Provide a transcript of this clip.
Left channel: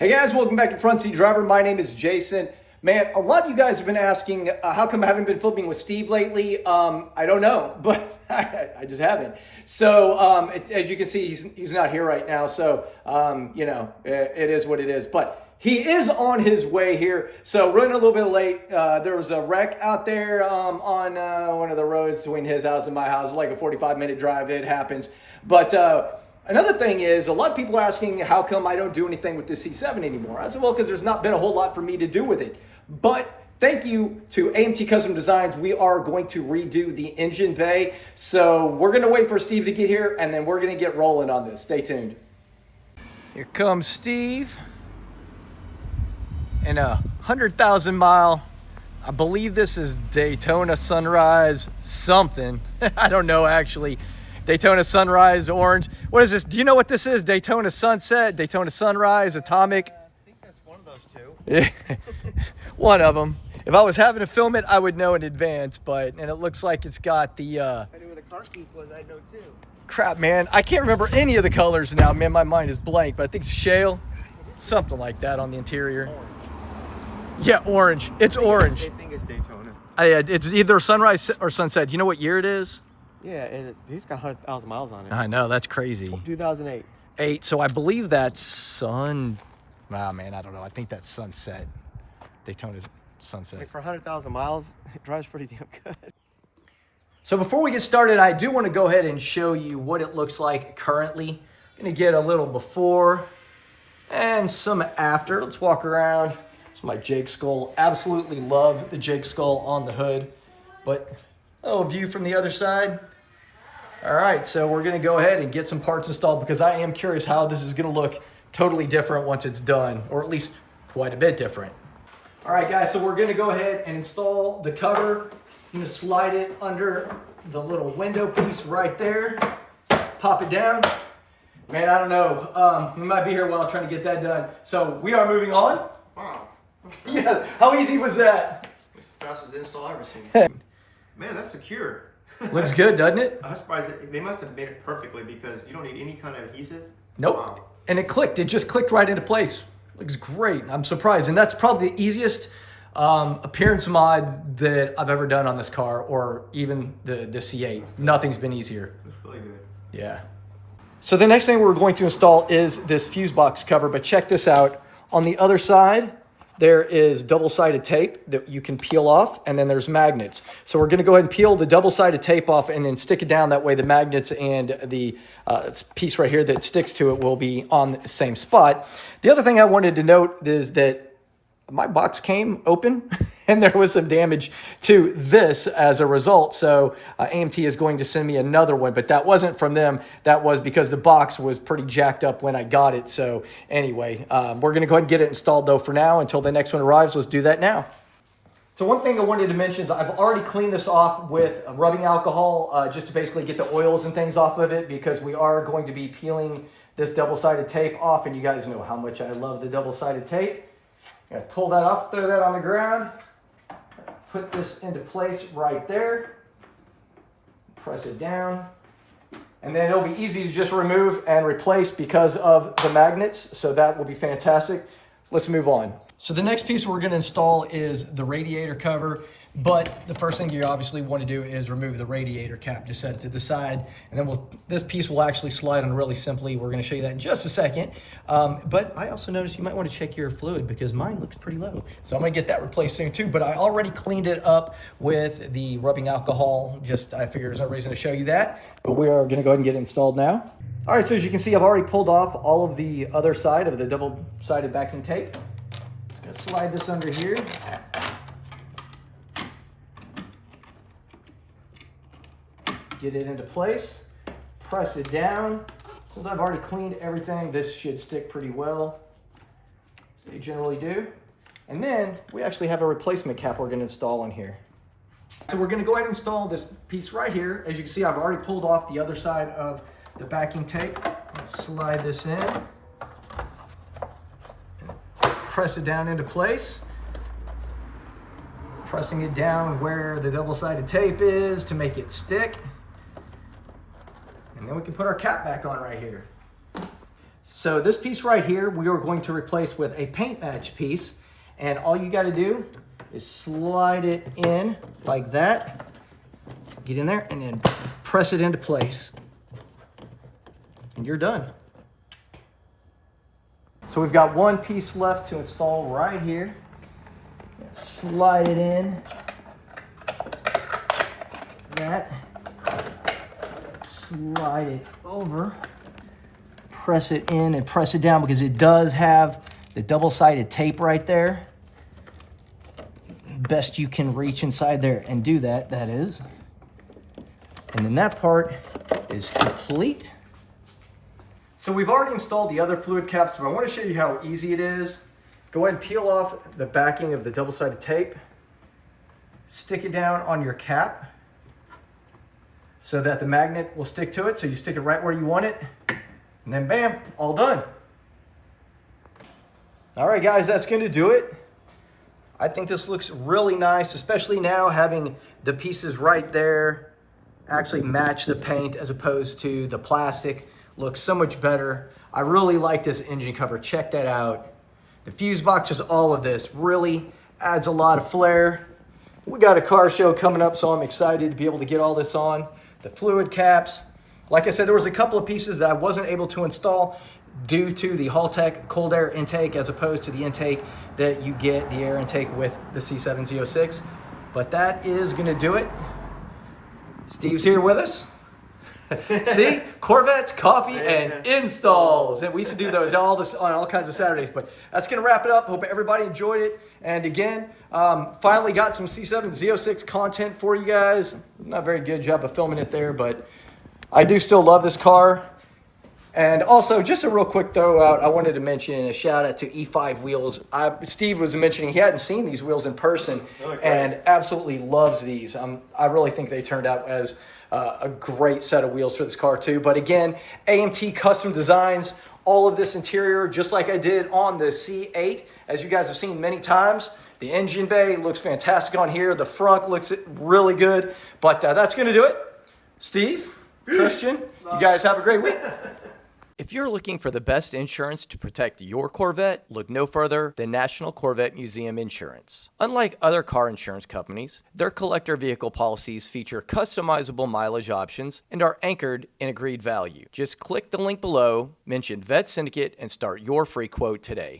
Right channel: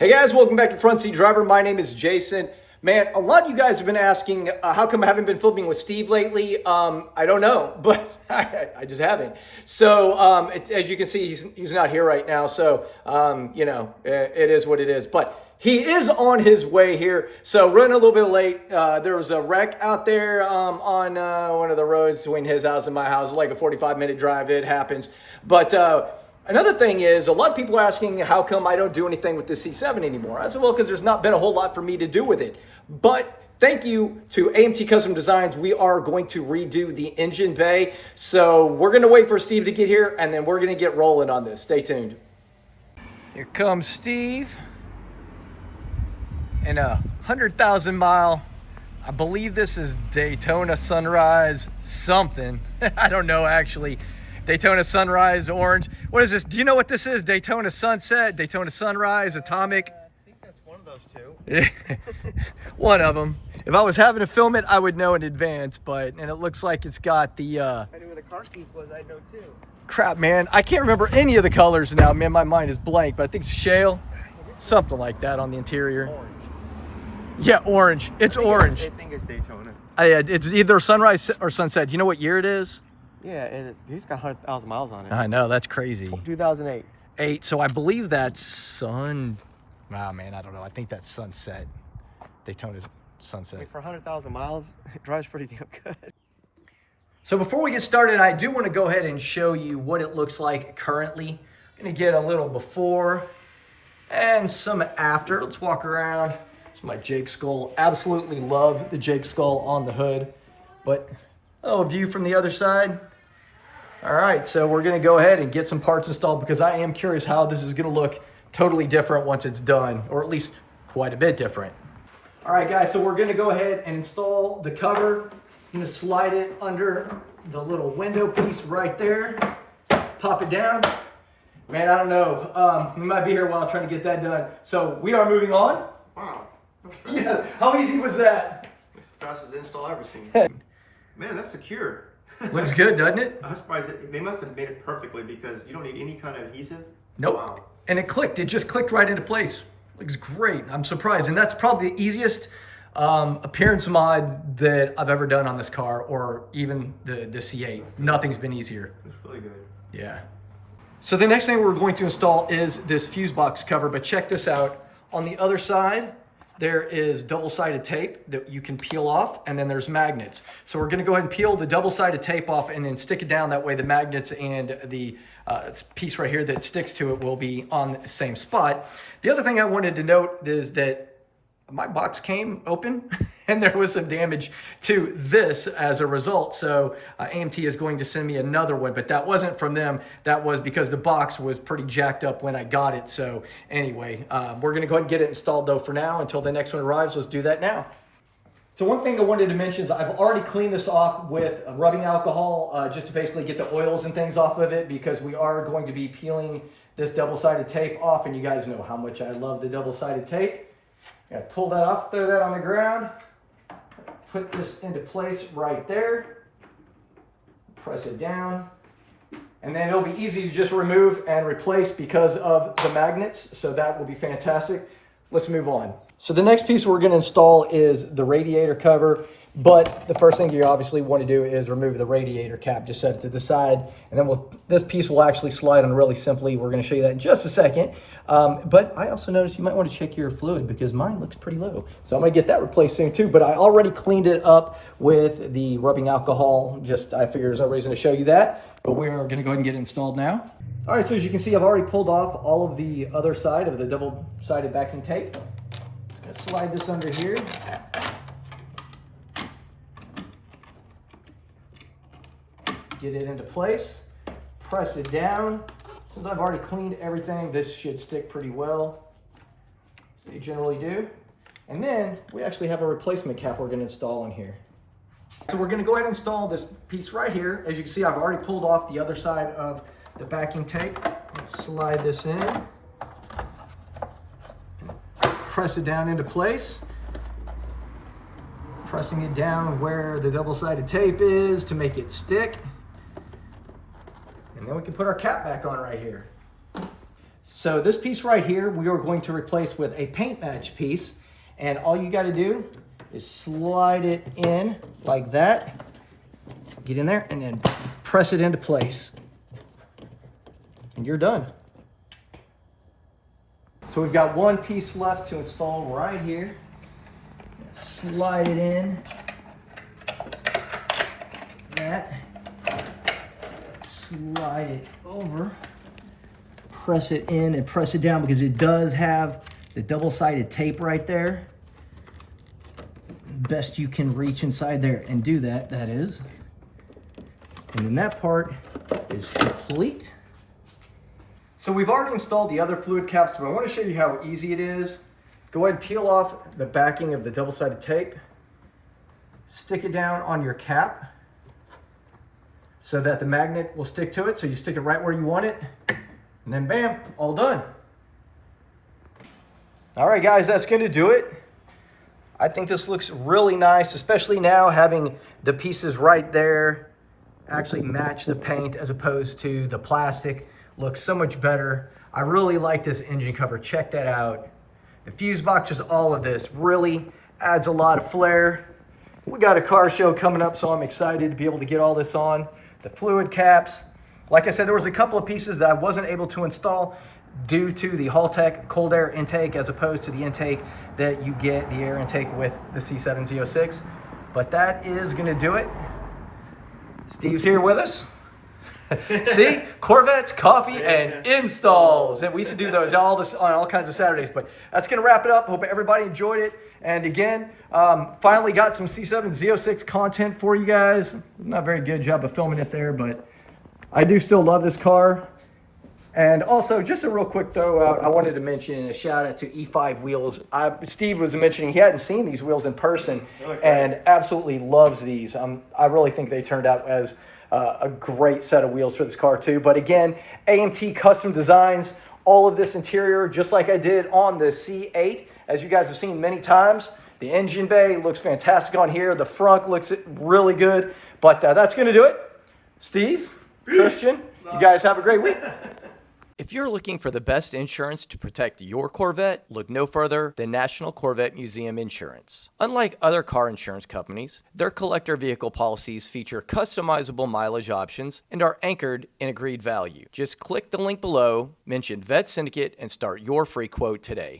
Hey guys, welcome back to Front Seat Driver. My name is Jason. Man, a lot of you guys have been asking, how come I haven't been flipping with Steve lately? I don't know, but I just haven't. So, as you can see, he's not here right now. So, it is what it is. But he is on his way here. So, running a little bit late. There was a wreck out there on one of the roads between his house and my house. Like a 45-minute drive. It happens. But another thing is, a lot of people are asking how come I don't do anything with this C7 anymore. I said, well, because there's not been a whole lot for me to do with it. But thank you to AMT Custom Designs. We are going to redo the engine bay. So we're going to wait for Steve to get here, and then we're going to get rolling on this. Stay tuned. Here comes Steve in a 100,000 mile, I believe this is Daytona Sunrise something. I don't know, actually. Daytona Sunrise Orange. What is this? Do you know what this is? Daytona Sunset, Daytona Sunrise, Atomic. I think that's one of those two. One of them. If I was having to film it, I would know in advance, and it looks like it's got the, If I knew where the car keys was, I'd know too. crap, man. I can't remember any of the colors now. Man, my mind is blank, but I think it's shale. Something like that on the interior. Orange. Yeah, orange. It's orange. I think it's Daytona. It's either Sunrise or Sunset. Do you know what year it is? Yeah, and he's got 100,000 miles on it. I know, that's crazy. 2008. So I believe that's I don't know. I think that's Sunset. Daytona's Sunset. For 100,000 miles, it drives pretty damn good. So before we get started, I do want to go ahead and show you what it looks like currently. I'm going to get a little before and some after. Let's walk around. It's my Jake Skull. Absolutely love the Jake Skull on the hood. But, a view from the other side. All right, so we're going to go ahead and get some parts installed because I am curious how this is going to look totally different once it's done, or at least quite a bit different. All right, guys, so we're going to go ahead and install the cover. I'm going to slide it under the little window piece right there. Pop it down. Man, I don't know. We might be here a while trying to get that done. So we are moving on. Wow. Yeah, how easy was that? It's the fastest install I've ever seen. Man, that's secure. Looks good, doesn't it? I'm surprised they must have made it perfectly because you don't need any kind of adhesive. Nope. Wow. And it clicked. It just clicked right into place. Looks great. I'm surprised. And that's probably the easiest appearance mod that I've ever done on this car, or even the C8. Nothing's been easier. It's really good. Yeah. So the next thing we're going to install is this fuse box cover, but check this out. On the other side, there is double-sided tape that you can peel off, and then there's magnets. So we're going to go ahead and peel the double-sided tape off and then stick it down. That way the magnets and the piece right here that sticks to it will be on the same spot. The other thing I wanted to note is that my box came open and there was some damage to this as a result. So AMT is going to send me another one, but that wasn't from them. That was because the box was pretty jacked up when I got it. So anyway, we're going to go ahead and get it installed though for now until the next one arrives. Let's do that now. So one thing I wanted to mention is I've already cleaned this off with rubbing alcohol just to basically get the oils and things off of it, because we are going to be peeling this double-sided tape off, and you guys know how much I love the double-sided tape. I'm gonna pull that off, throw that on the ground, put this into place right there, press it down, and then it'll be easy to just remove and replace because of the magnets, so that will be fantastic. Let's move on. So the next piece we're gonna install is the radiator cover, but the first thing you obviously want to do is remove the radiator cap. Just set it to the side, and then this piece will actually slide on really simply. We're going to show you that in just a second. But I also noticed you might want to check your fluid because mine looks pretty low. So I'm going to get that replaced soon too. But I already cleaned it up with the rubbing alcohol. I figure there's no reason to show you that. But we are going to go ahead and get it installed now. All right, so as you can see, I've already pulled off all of the other side of the double-sided backing tape. Just going to slide this under here. Get it into place, press it down. Since I've already cleaned everything, this should stick pretty well, as they generally do. And then we actually have a replacement cap we're going to install in here. So we're going to go ahead and install this piece right here. As you can see, I've already pulled off the other side of the backing tape. Slide this in, press it down into place. Pressing it down where the double-sided tape is to make it stick. And then we can put our cap back on right here. So this piece right here, we are going to replace with a paint match piece. And all you got to do is slide it in like that. Get in there and then press it into place. And you're done. So we've got one piece left to install right here. Slide it in. That. Slide it over. Press it in and press it down because it does have the double-sided tape right there. Best you can reach inside there and do that, that is. And then that part is complete. So we've already installed the other fluid caps, but I want to show you how easy it is. Go ahead and peel off the backing of the double-sided tape. Stick it down on your cap so that the magnet will stick to it. So you stick it right where you want it. And then bam, all done. All right, guys, that's going to do it. I think this looks really nice, especially now having the pieces right there actually match the paint as opposed to the plastic. Looks so much better. I really like this engine cover. Check that out. The fuse box, just all of this, really adds a lot of flair. We got a car show coming up, so I'm excited to be able to get all this on. The fluid caps. Like I said, there was a couple of pieces that I wasn't able to install due to the Haltech cold air intake as opposed to the intake that you get, the air intake with the C7 Z06. But that is going to do it. Steve's here with us. See, Corvettes, coffee, and installs. And we used to do those on all kinds of Saturdays. But that's going to wrap it up. Hope everybody enjoyed it. And again, finally got some C7 Z06 content for you guys. Not a very good job of filming it there, but I do still love this car. And also, just a real quick throw out, I wanted to mention a shout out to E5 wheels. Steve was mentioning he hadn't seen these wheels in person and absolutely loves these. I really think they turned out as a great set of wheels for this car too. But again, AMT custom designs, all of this interior, just like I did on the C8, as you guys have seen many times. The engine bay looks fantastic on here. The front looks really good. But that's going to do it. Steve, Christian, you guys have a great week. If you're looking for the best insurance to protect your Corvette, look no further than National Corvette Museum Insurance. Unlike other car insurance companies, their collector vehicle policies feature customizable mileage options and are anchored in agreed value. Just click the link below, mention Vette Syndicate, and start your free quote today.